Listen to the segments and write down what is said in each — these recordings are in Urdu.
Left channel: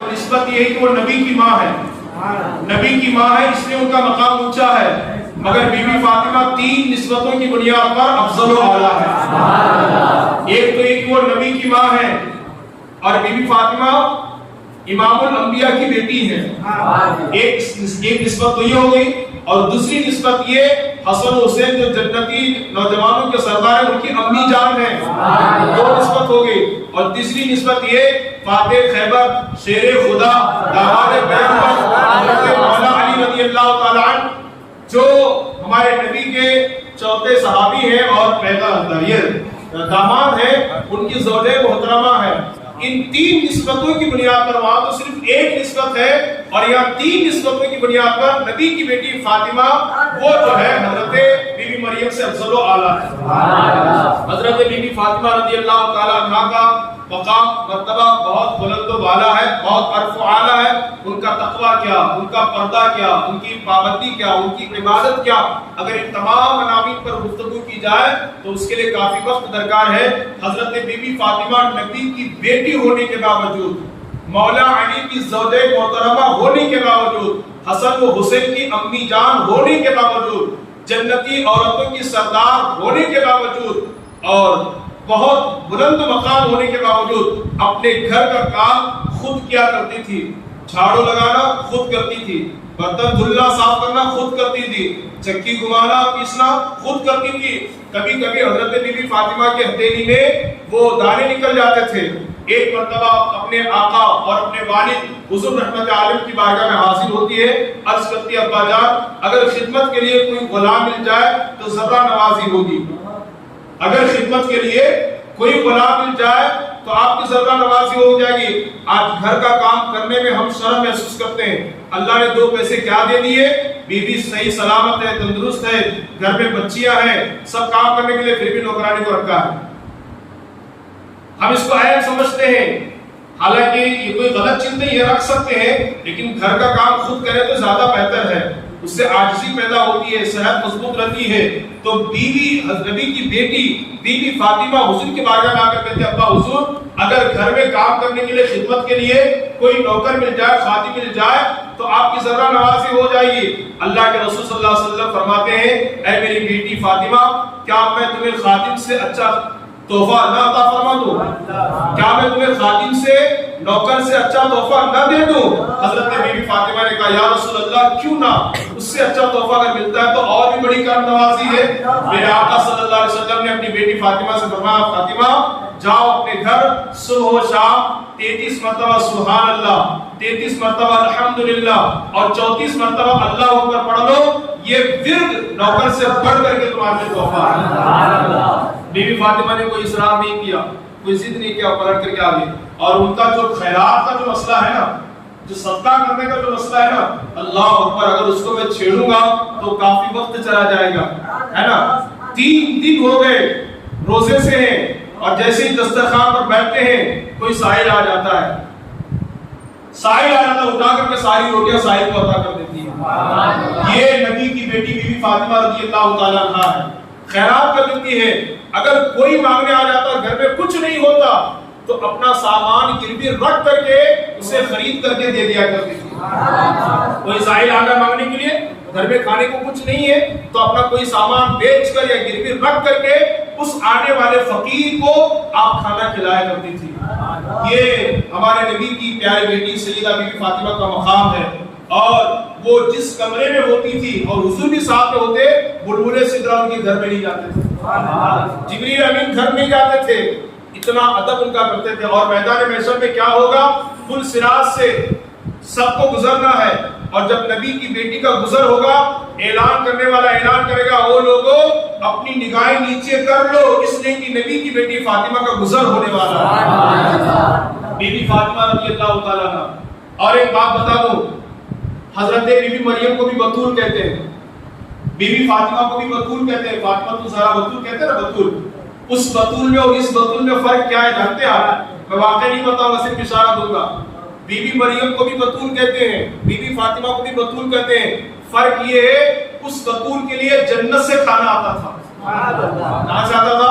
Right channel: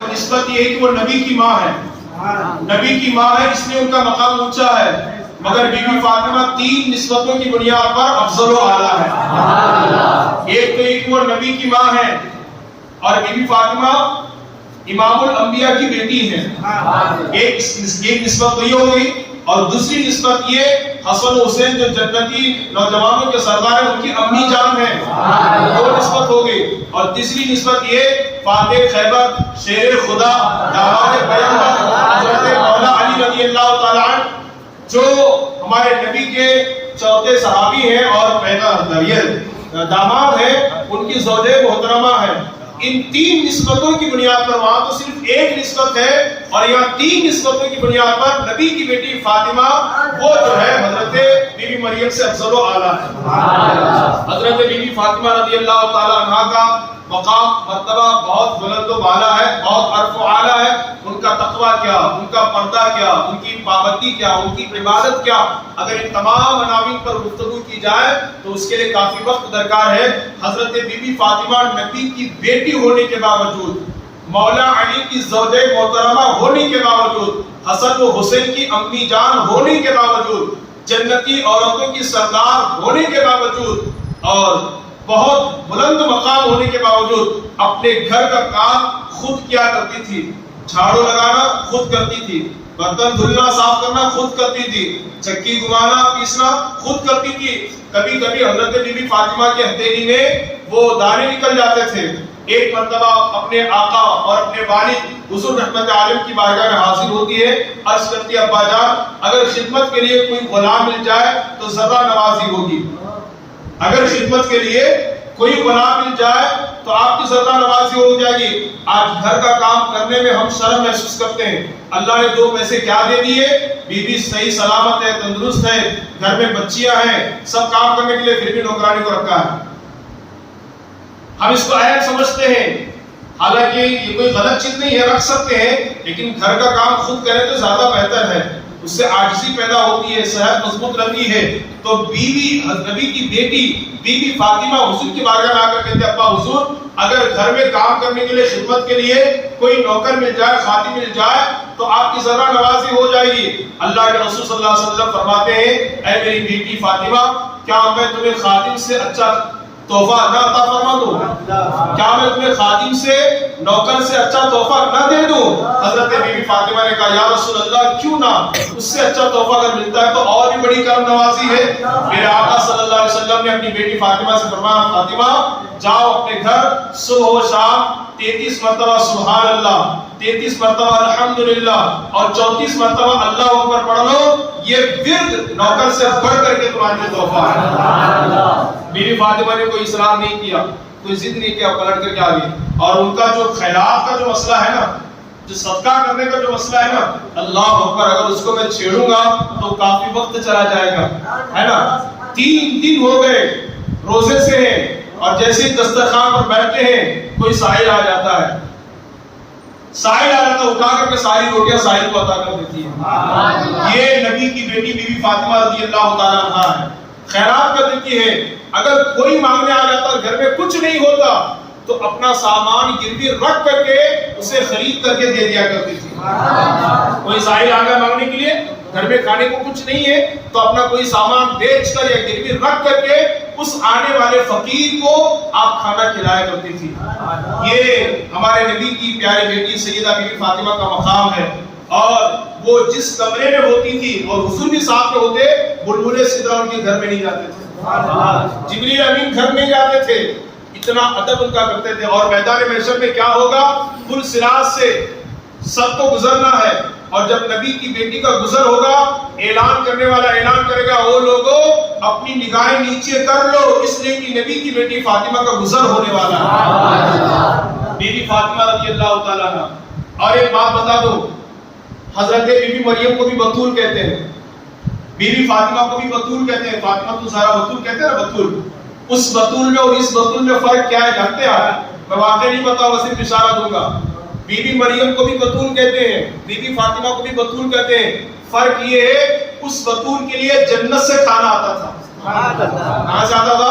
نسبت یہ ہے کہ وہ نبی کی ماں ہے، نبی کی ماں ہے، اس لیے ان کا مقام اونچا ہے۔ مگر بی بی فاطمہ تین نسبتوں کی بنیاد پر افضل و اعلیٰ ہے۔ ایک تو ایک وہ نبی کی ماں ہے، اور بی بی فاطمہ امام الانبیاء کی بیٹی ہے۔ ایک نسبت تو یہ ہو گئی، اور دوسری نسبت یہ حسن و حسین جو جنتی نوجوانوں کے سردار ہیں ان کی امی جان ہے، دو نسبت ہو گئی۔ اور تیسری نسبت یہ فاتح خیبر، شیر خدا، داماد پیغمبر حضرت مولا علی رضی اللہ تعالیٰ عنہ جو ہمارے نبی کے چوتھے صحابی ہیں اور داماد ہیں، ان کی زوجہ محترمہ ہے۔ ان تین نسبتوں کی بنیاد پر وہاں تو صرف ایک نسبت ہے، اور یہاں تین نسبتوں کی بنیاد پر نبی کی بیٹی فاطمہ وہ جو ہے حضرت بی بی مریم سے افضل و اعلیٰ ہے۔ حضرت بی بی فاطمہ رضی اللہ تعالیٰ عنہ کا مقام مرتبہ بہت بلند و بالا ہے، بہت عرف و اعلیٰ ہے۔ ان کا تقویٰ کیا، ان کا پردہ کیا، ان کی پابندی کیا، ان کی عبادت کیا، اگر ان تمام عناوین پر گفتگو کی جائے تو اس کے لیے کافی وقت درکار ہے۔ حضرت بی بی فاطمہ نبی کی بیٹی ہونے کے باوجود، مولا علی کی زوجہ محترمہ ہونے کے باوجود، حسن و حسین کی امی جان ہونے کے باوجود، جنتی عورتوں کی سردار ہونے کے باوجود، اور بہت بلند مقام ہونے کے باوجود اپنے گھر کا کام خود کیا کرتی تھی۔ جھاڑو لگانا خود کرتی تھی، برتن دھلنا صاف کرنا خود کرتی تھی، چکی گھمانا پیسنا خود کرتی تھی۔ کبھی کبھی حضرت بی بی فاطمہ کی ہتھیلی میں وہ دانے نکل جاتے تھے۔ ایک مرتبہ اپنے آقا اور اپنے والد حضور رحمت عالم کی بارگاہ میں حاضر ہوتی ہے، عرض کرتی ہے ابا جان اگر خدمت کے لیے کوئی غلام مل جائے تو ذرا نوازی ہوگی، اگر خدمت کے لیے کوئی غلام مل جائے تو آپ کی ذرا نوازی ہو جائے گی۔ آج گھر کا کام کرنے میں ہم شرم محسوس کرتے ہیں، اللہ نے دو پیسے کیا دے دیے، بیوی صحیح سلامت ہے، تندرست ہے، گھر میں بچیاں ہیں، سب کام کرنے کے لیے، پھر بھی نوکرانی کو رکھا ہے۔ ہم اس کو عیب سمجھتے ہیں، حالانکہ یہ کوئی غلط چیز نہیں ہے، رکھ سکتے ہیں، لیکن گھر کا کام خود کرے تو زیادہ بہتر ہے، اس سے عاجزی پیدا ہوتی ہے، صحت مضبوط رہتی ہے۔ تو بیوی نبی کی بیٹی بی بی فاطمہ حضور کی بارگاہ میں آ کر کہتے ہیں ابا حضور اگر گھر میں کام کرنے کے لیے خدمت کے لیے کوئی نوکر مل جائے، خادم مل جائے تو آپ کی ذرا نوازی ہو جائے گی۔ اللہ کے رسول صلی اللہ علیہ وسلم فرماتے ہیں اے میری بیٹی فاطمہ کیا میں تمہیں خادم سے اچھا تحفہ نہ عطا فرما دوں؟ کیا میں تمہیں خادم سے، نوکر سے اچھا تحفہ نہ دے دوں؟ حضرت بی بی فاطمہ نے کہا یا رسول اللہ کیوں نہ، اس سے اچھا تحفہ اگر ملتا ہے تو اور بھی بڑی کرم نوازی ہے۔ میرے آقا صلی اللہ علیہ وسلم نے اپنی بیٹی فاطمہ سے فرمایا فاطمہ جاؤ اپنے گھر صبح و شام 33 مرتبہ سبحان اللہ، 33 مرتبہ الحمدللہ اور 34 مرتبہ اللہ اکبر پڑھ لو، یہ ورد نوکر سے بڑھ کر کے تمہارے لیے تحفہ ہے۔ بی بی فاطمہ نے کوئی اصرار نہیں کیا، کوئی ضد نہیں کیا، پلٹ کر کے آ گئی۔ اور ان کا جو خیرات کا جو مسئلہ ہے نا، جو صدقہ کرنے کا جو مسئلہ ہے نا، اللہ اکبر اگر اس کو میں چھیڑوں گا تو کافی وقت چلا جائے گا، ہے نا۔ 3 دن ہو گئے روزے سے ہیں، اور جیسے ہی دسترخوان پر بیٹھتے ہیں کوئی سائل آ جاتا ہے، سائل آ جاتا ہے، اٹھا کر کے ساری روٹیاں سائل کو عطا کر دیتی ہے۔ یہ نبی کی بیٹی بی بی فاطمہ رضی اللہ تعالیٰ عنہا ہے، خیرات کر دیتی ہے۔ اگر کوئی مانگنے آ جاتا اور گھر میں کچھ نہیں ہوتا تو اپنا سامان گروی رکھ کر کے اسے خرید کر کے دے دیا کرتی تھی۔ کوئی سائل آ گیا مانگنے کے لیے، گھر میں کھانے کو کچھ نہیں ہے تو اپنا کوئی سامان بیچ کر یا گروی رکھ کر کے اس آنے والے فقیر کو آپ کھانا کھلایا کرتی تھی۔ یہ ہمارے نبی کی پیاری بیٹی سیدہ بی بی فاطمہ کا مقام ہے، اور وہ جس کمرے میں ہوتی تھی اور حضور بھی ساتھ میں ہوتے، بلبلے سدرہ ان کے گھر میں نہیں جاتے تھے، جبریل امین گھر نہیں جاتے تھے، اتنا ادب ان کا کرتے تھے۔ اور میدان محشر میں کیا ہوگا، پل صراط سے سب کو گزرنا ہے، اور جب نبی کی بیٹی کا گزر ہوگا اعلان کرنے والا اعلان کرے گا او لوگو اپنی نگاہیں نیچے کر لو، اس لیے کہ نبی کی بیٹی فاطمہ کا گزر ہونے والا ہے، بی بی فاطمہ رضی اللہ تعالیٰ عنہ۔ اور ایک بات بتا دوں، حضرت بی بی مریم کو بھی بتول کہتے ہیں، بی بی فاطمہ کو بھی بتول کہتے ہیں، فاطمہ تو زہرا بتول کہتے ہیں نا، بتول۔ اس بتول میں اور اس بتول میں فرق کیا ہے جانتے ہیں؟ میں واقعہ نہیں بتاؤں گا، صرف اشارہ دوں گا۔ بی بی مریم کو بھی بتول کہتے ہیں، بی بی فاطمہ کو بھی بتول کہتے ہیں، فرق یہ ہے اس بتول کے لیے جنت سے کھانا آتا تھا۔ کہاں سے آتا تھا؟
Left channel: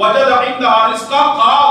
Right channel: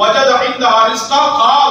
وجد عندها رزقا قال